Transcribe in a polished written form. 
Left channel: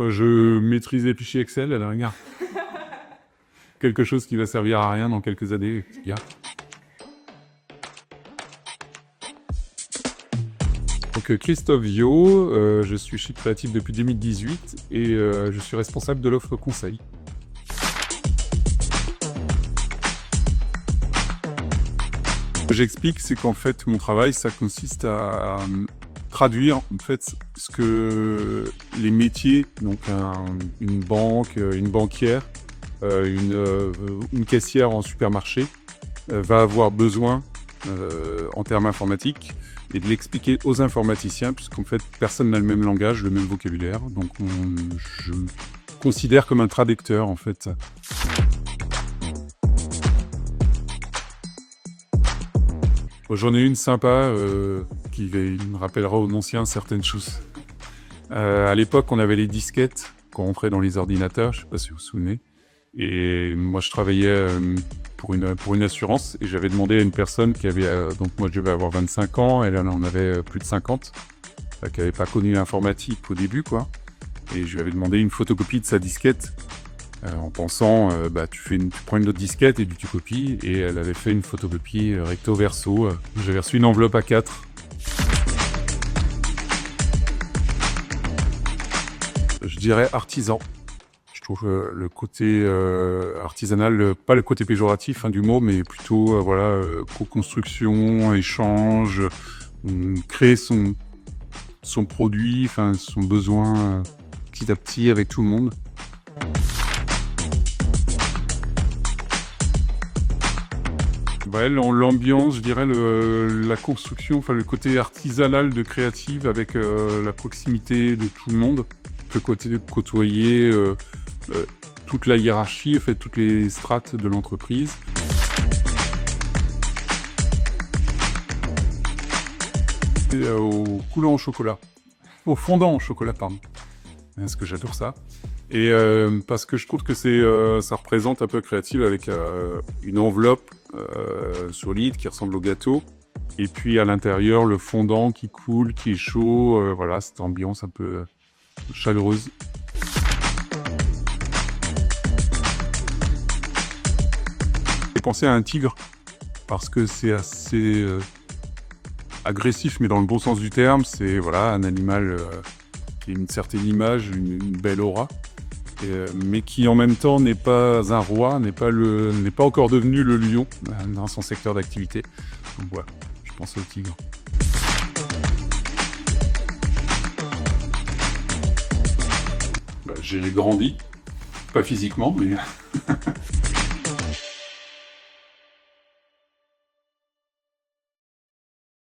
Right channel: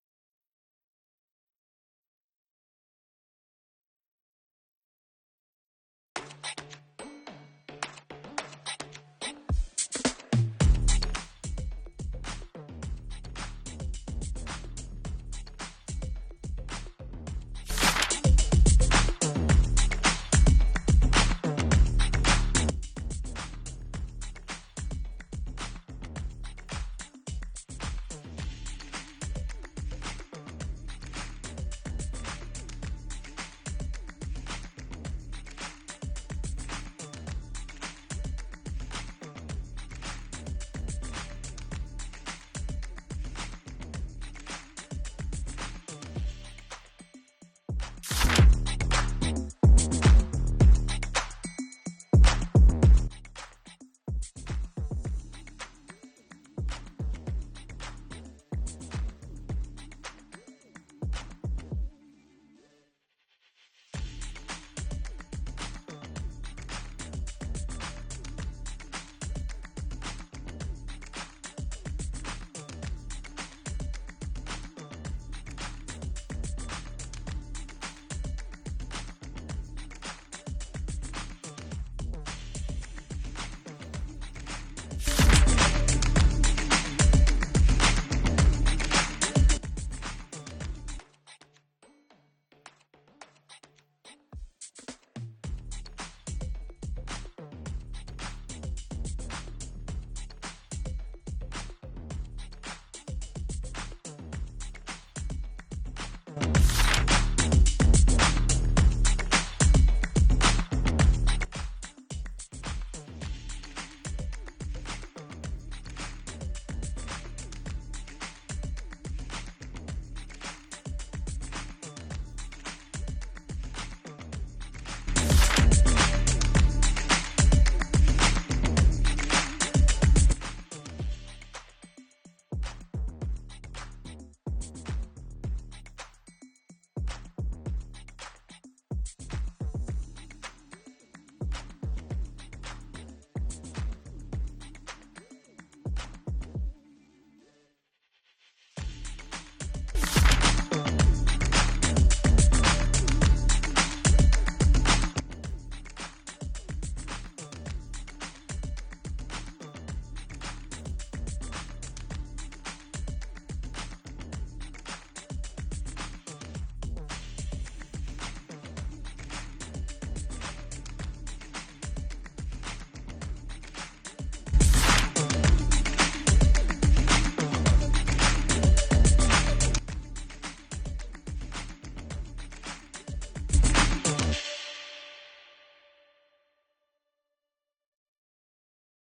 Je maîtrise les fichiers Excel à la rigueur. Quelque chose qui va servir à rien dans quelques années. Donc Christophe Viau, je suis chez Créatif depuis 2018 et je suis responsable de l'offre conseil. Ce que j'explique, c'est qu'en fait, mon travail, ça consiste à traduire en fait ce que les métiers, donc une banque, une banquière, une caissière en supermarché va avoir besoin en termes informatiques et de l'expliquer aux informaticiens, puisqu'en fait personne n'a le même langage, le même vocabulaire. Donc je me considère comme un traducteur en fait. J'en ai une sympa qui me rappellera aux anciens certaines choses. À l'époque, on avait les disquettes qu'on rentrait dans les ordinateurs, je ne sais pas si vous vous souvenez. Et moi, je travaillais pour une assurance et j'avais demandé à une personne qui avait, donc moi je devais avoir 25 ans, elle en avait plus de 50, qui n'avait pas connu l'informatique au début, quoi. Et je lui avais demandé une photocopie de sa disquette en pensant, tu prends une autre disquette et tu copies. Et elle avait fait une photocopie recto verso. J'avais reçu une enveloppe A4. Je dirais artisan. Je trouve le côté artisanal, pas le côté péjoratif du mot, mais plutôt co-construction, échange, créer son produit, son besoin petit à petit avec tout le monde. L'ambiance, je dirais la construction, le côté artisanal de Créative avec la proximité de tout le monde, le côté de côtoyer toute la hiérarchie, en fait, toutes les strates de l'entreprise. Au coulant au chocolat, au fondant au chocolat, pardon. Parce que j'adore ça. Et parce que je trouve que ça représente un peu Créative avec une enveloppe solide qui ressemble au gâteau. Et puis à l'intérieur, le fondant qui coule, qui est chaud. Voilà, cette ambiance un peu chaleureuse. J'ai pensé à un tigre parce que c'est assez agressif, mais dans le bon sens du terme. C'est un animal qui a une certaine image, une belle aura. Mais qui en même temps n'est pas un roi, n'est pas encore devenu le lion dans son secteur d'activité. Donc voilà, je pense au tigre. J'ai grandi, pas physiquement, mais